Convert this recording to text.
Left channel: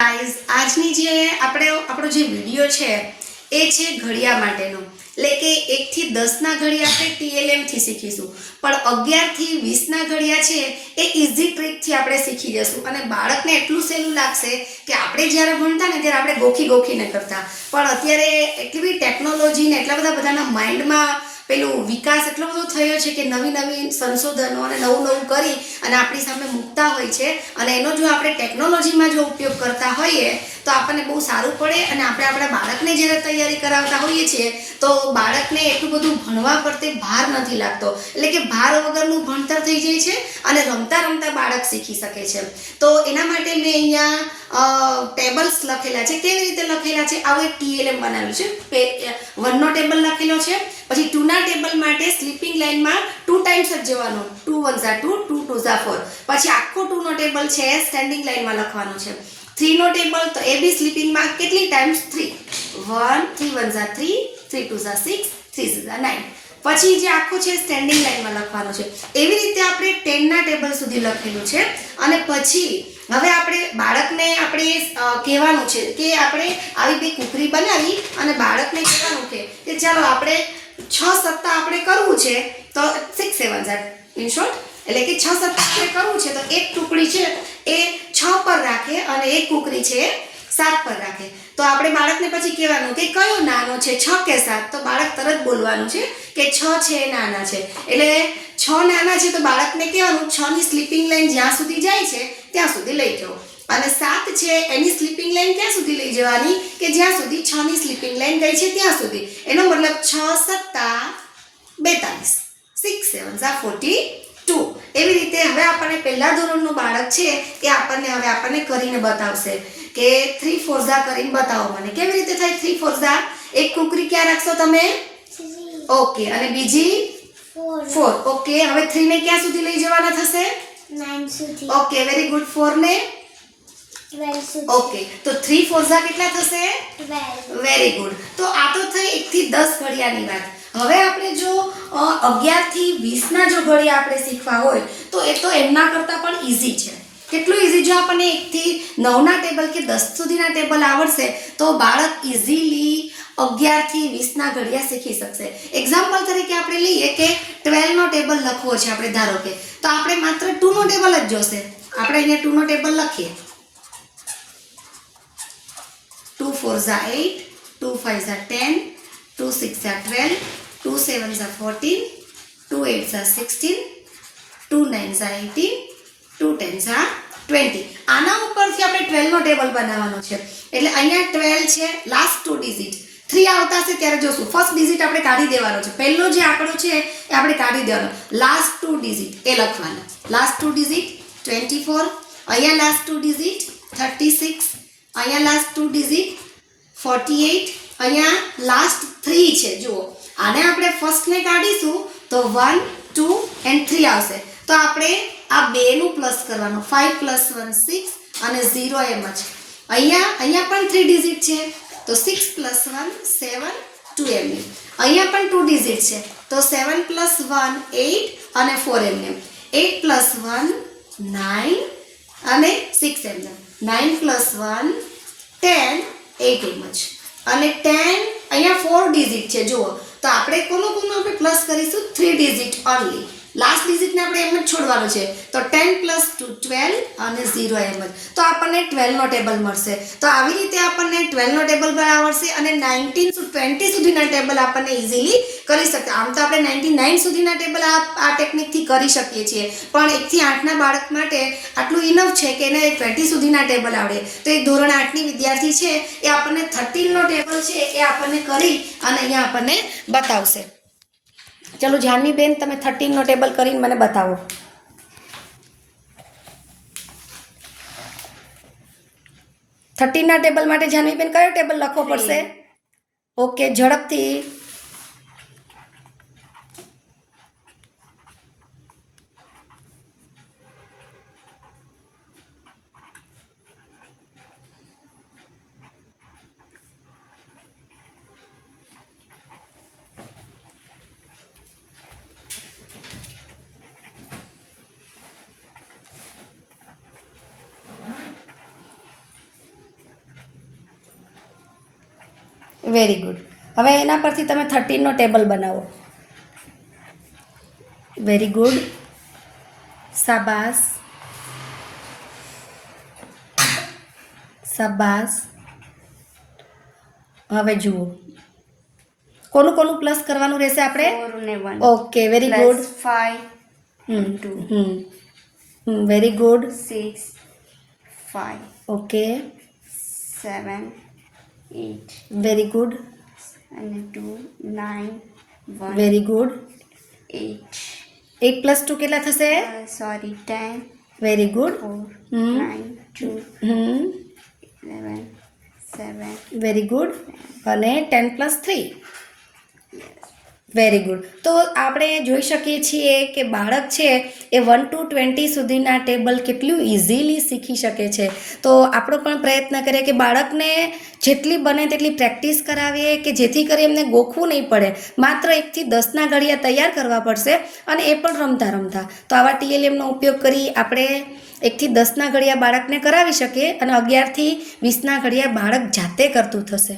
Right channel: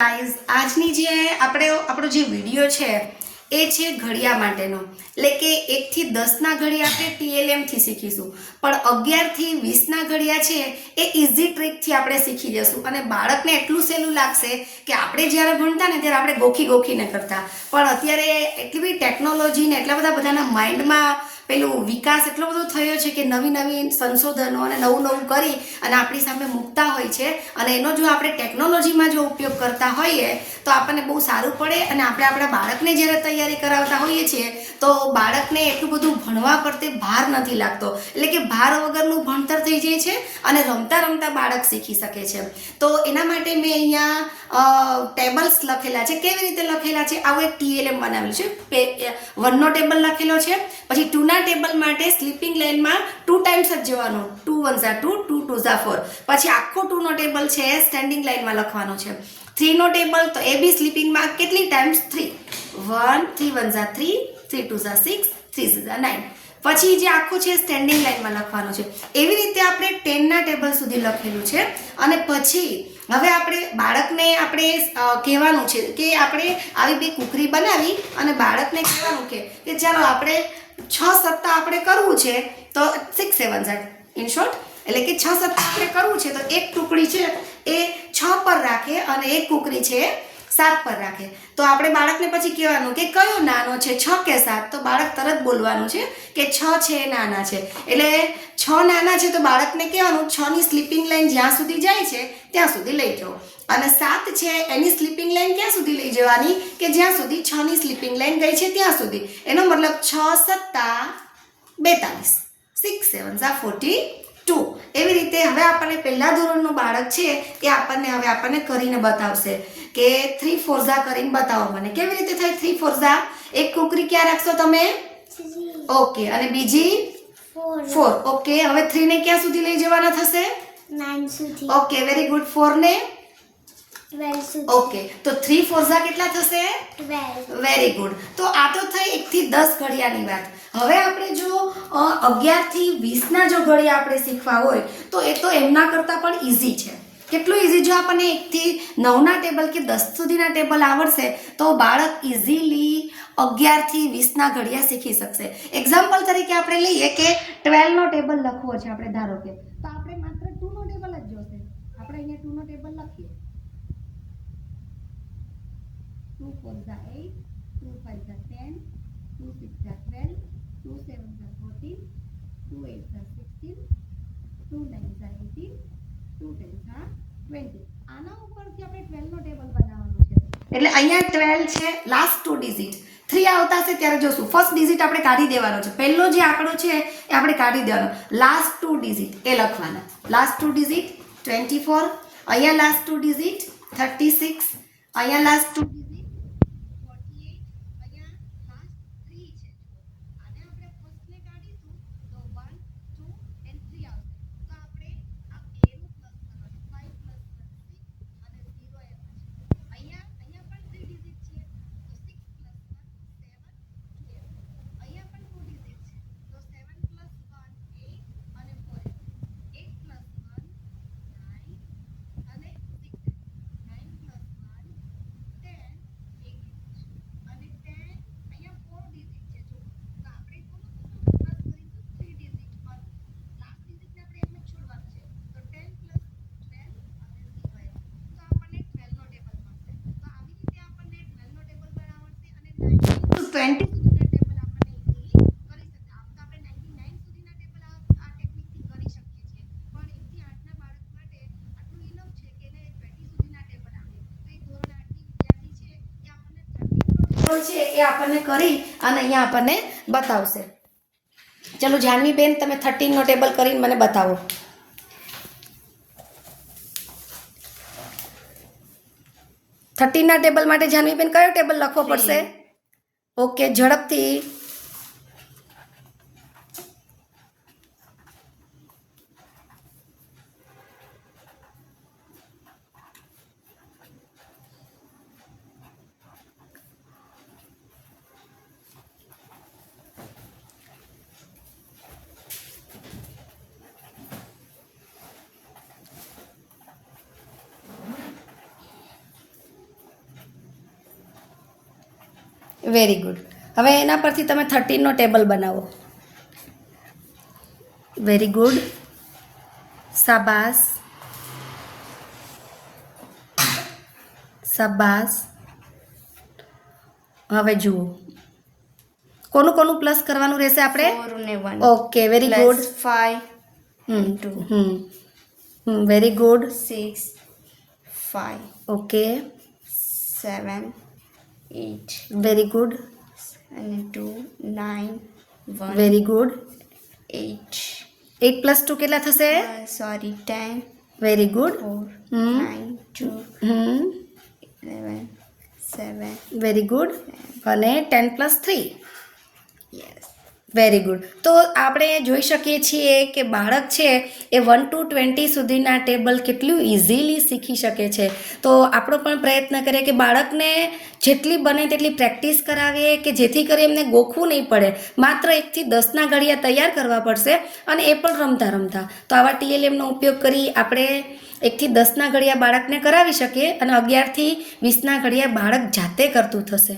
Guys આજની જે આપણો જે વિડીયો છે એ છે ઘડિયા માટેનો, એટલે કે 1 થી 10ના ઘડિયા આપણે TLM થી શીખીશું, પણ 11 થી 20ના ઘડિયા છે એ ઇઝી ટ્રીકથી આપણે શીખી જશું. અને બાળકને એટલું સહેલું લાગશે કે આપણે જ્યારે ભણતા ને ત્યારે આપણે ગોખીને કરતા, પણ અત્યારે એટલી બધી ટેકનોલોજી ને એટલા બધા બધાના માઇન્ડમાં પેલું વિકાસ એટલો બધો થયો છે કે નવી નવી સંશોધનો અને નવું કરી અને આપણી સામે મૂકતા હોય છે. અને એનો જો આપણે ટેકનોલોજીમાં જો ઉપયોગ કરતા હોઈએ તો આપણને બહુ સારું પડે. અને આપણે આપણા બાળકને જ્યારે તૈયારી કરાવતા હોઈએ છીએ તો બાળકને એટલું બધું ભણવા પ્રત્યે ભાર નથી લાગતો, એટલે કે ભાર વગરનું ભણતર થઈ જાય છે અને રમતા રમતા બાળક શીખી શકે છે. તો એના માટે મેં અહીંયા ટેબલ્સ લખેલા છે. કેવી રીતે લખેલા છે? આવું એક TLM બનાવ્યું છે. 1નો ટેબલ લખેલો છે, પછી 2ના ટેબલ માટે સ્લીપિંગ લાઇનમાં 2 ટાઈમ્સ જ જવાનું, 2 1 2 2 2 4. પછી આખો 2નો ટેબલ છે સ્ટેન્ડિંગ લાઇનમાં લખવાનો છે. 3નો ટેબલ તો એ બી સ્લીપિંગમાં કેટલી ટાઈમ્સ? 3 1 3 1 3 3 2 6 3 9. પછી જે આખો છે સ્ટેન્ડિંગ લાઇનમાં લખવાનો છે. એવી રીતે આપણે 10ના ટેબલ સુધી લખેલું છે. અને પછી હવે આપણે બાળકને આપણે કહેવાનું છે કે આપણે આવી બે કુકરી બનાવી અને બાળકને કહેવાનું કે ચાલો આપણે 6 સપ્તાહ આપણે કરવું છે તો 6 7 8 ઇન શોર્ટ, એટલે કે 6 સપ્તાહ આપણે કરવું છે તો એક ટુકડી છે એ 6 પર રાખે અને એક કુકરી છે એ 7 પર રાખે. તો આપણે બાળકને પછી કહેવાનું કે કયો નાનો છે, 6 કે 7? તો બાળક તરત બોલવાનું છે કે 6 છે એ નાના છે. એટલે 6 નાના છે તો બાળકને કહેવાનું 6ની સ્લીપિંગ લાઇન જ્યાં સુધી જાય છે ત્યાં સુધી લઈ જાઓ. અને 7 છે એની સ્લીપિંગ લાઇન ક્યાં સુધી લઈ જવાની? કે જ્યાં સુધી 6ની સ્લીપિંગ લાઇન ગઈ છે ત્યાં સુધી. એનો મતલબ 6 સત્તા 42, 6 7 42. એવી રીતે હવે આપણને પહેલા ધોરણનો બાળક છે એ આપણને કરીને બતાવશે કે 3 4 કરીને બતાવો મને. કેવી રીતે થાય 3 4? એક કુકરી ક્યાં રાખશો તમે? ઓકે. અને બીજી 4. ઓકે. હવે 3 ને ક્યાં સુધી લઈ જવાના થશે? 9 સુધી. Okay, very good. 4 ને 12 સુધી. ઓકે. તો 3 4 કેટલા થશે? 12. Very good. તો આ તો થઈ 1 થી 10 ઘડિયાની વાત. હવે આપણે જો 11 થી 20ના જો ઘડિયા આપણે શીખવા હોય તો એ તો એમના કરતાં પણ ઈઝી છે. કેટલું ઈઝી? જો આપણને 1 થી 9ના ટેબલ કે 10 સુધીના ટેબલ આવડશે તો બાળક ઈઝીલી 11 થી 20ના ઘડિયા શીખી શકશે. એક્ઝામ્પલ તરીકે આપણે લઈએ કે 12નો ટેબલ લખવો છે આપણે, ધારો કે, તો આપણે માત્ર 2નો ટેબલ જ જોશે. આપણે અહીંયા 2નો ટેબલ લખીએ. 2 4 8, 2 5 10, 2 6 12, 2 7 14, 2 8 16, 2 9 18, 2 10 20. આના ઉપરથી આપણે 12નો ટેબલ બનાવવાનો છે. એટલે અહીંયા 12 છે, લાસ્ટ 2 ડિજિટ. 3 આવતા હશે ત્યારે જોશું. ફર્સ્ટ ડિજિટ આપણે કાઢી દેવાનો છે. પહેલો જે આંકડો છે એ આપણે કાઢી દેવાનો. લાસ્ટ 2 ડિજિટ એ લખવાના. લાસ્ટ 2 ડિજિટ 24, અહીંયા લાસ્ટ 2 ડિજિટ 36, અહીંયા લાસ્ટ 2 ડિજિટ 48, અહીંયા લાસ્ટ 3 છે. જુઓ, આને આપણે ફર્સ્ટને કાઢીશું તો 1 2 and 3 આવશે. તો આપણે આ બેનું પ્લસ કરવાનું. 5 + 1 6 અને 0 એમ જ. અહીંયા પણ 3 ડિજિટ છે તો 6 + 1 7 2 એમ. અહીંયા પણ 2 ડિજિટ છે તો 7 + 1 8 અને 4 એમ. 8 + 1 9 અને 6 એમ. 9 + 1 10 8 એમ જ. અને 10 અહીંયા 4 ડિજિટ છે. જુઓ, તો આપણે કોનું આપણે પ્લસ કરીશું? 3 ડિજિટ ઓનલી. લાસ્ટ ડિજિટને આપણે એમ જ છોડવાનું છે. તો 10 + 2 12 અને 0 એમ જ. તો આપણને 12નો ટેબલ મળશે. તો આવી રીતે આપણને 12નો ટેબલ પણ આવડશે અને 19 to 20 સુધીના ટેબલ આપણને ઇઝીલી કરી શકીએ. આમ તો આપણે 99 સુધીના ટેબલ આ ટેકનિકથી કરી શકીએ છીએ, પણ 1 થી 8ના બાળક માટે આટલું ઇનફ છે કે એને 20 સુધીના ટેબલ આવડે. તો એક ધોરણ 8ની વિદ્યાર્થી છે એ આપણને 13નો ટેબલ છે એ આપણને કરી અને અહીંયા આપણને બતાવશે. ચલો જાનવી બેન, તમે 13નો ટેબલ કરીને મને બતાવો. 13ના ટેબલ માટે જાનવી બેન કયો ટેબલ લખવો પડશે? ઓકે, ઝડપથી. Very good. હવે એના પરથી તમે 13નો ટેબલ બનાવો. Very good. શાબાશ. શાબાશ. હવે જુઓ કોનું કોનું પ્લસ કરવાનું રહેશે આપણે? 4 ને 1 okay very good. Plus 5 2 very good. 6 5 okay 7 8 very good. અને 2 9 1 વેરી ગુડ. 8 8 પ્લસ 2 કેટલા થશે? Sorry 10 very good. 4 9 2 11 7 very good. અને 10 પ્લસ 3 યસ વેરી ગુડ. તો આપણે જોઈ શકીએ છીએ કે બાળક છે એ 1 to 20 સુધીના ટેબલ કેટલું ઇઝીલી શીખી શકે છે. તો આપણો પણ પ્રયત્ન કરીએ કે બાળકને જેટલી બને તેટલી પ્રેક્ટિસ કરાવીએ કે જેથી કરી એમને ગોખવું નહીં પડે. માત્ર 1 થી 10ના ઘડિયા તૈયાર કરવા પડશે અને એ પણ રમતા રમતા. તો આવા TLMનો ઉપયોગ કરી આપણે 1 થી 10ના ઘડિયા બાળકને કરાવી શકીએ અને 11 થી 20ના ઘડિયા બાળક જાતે કરતું થશે.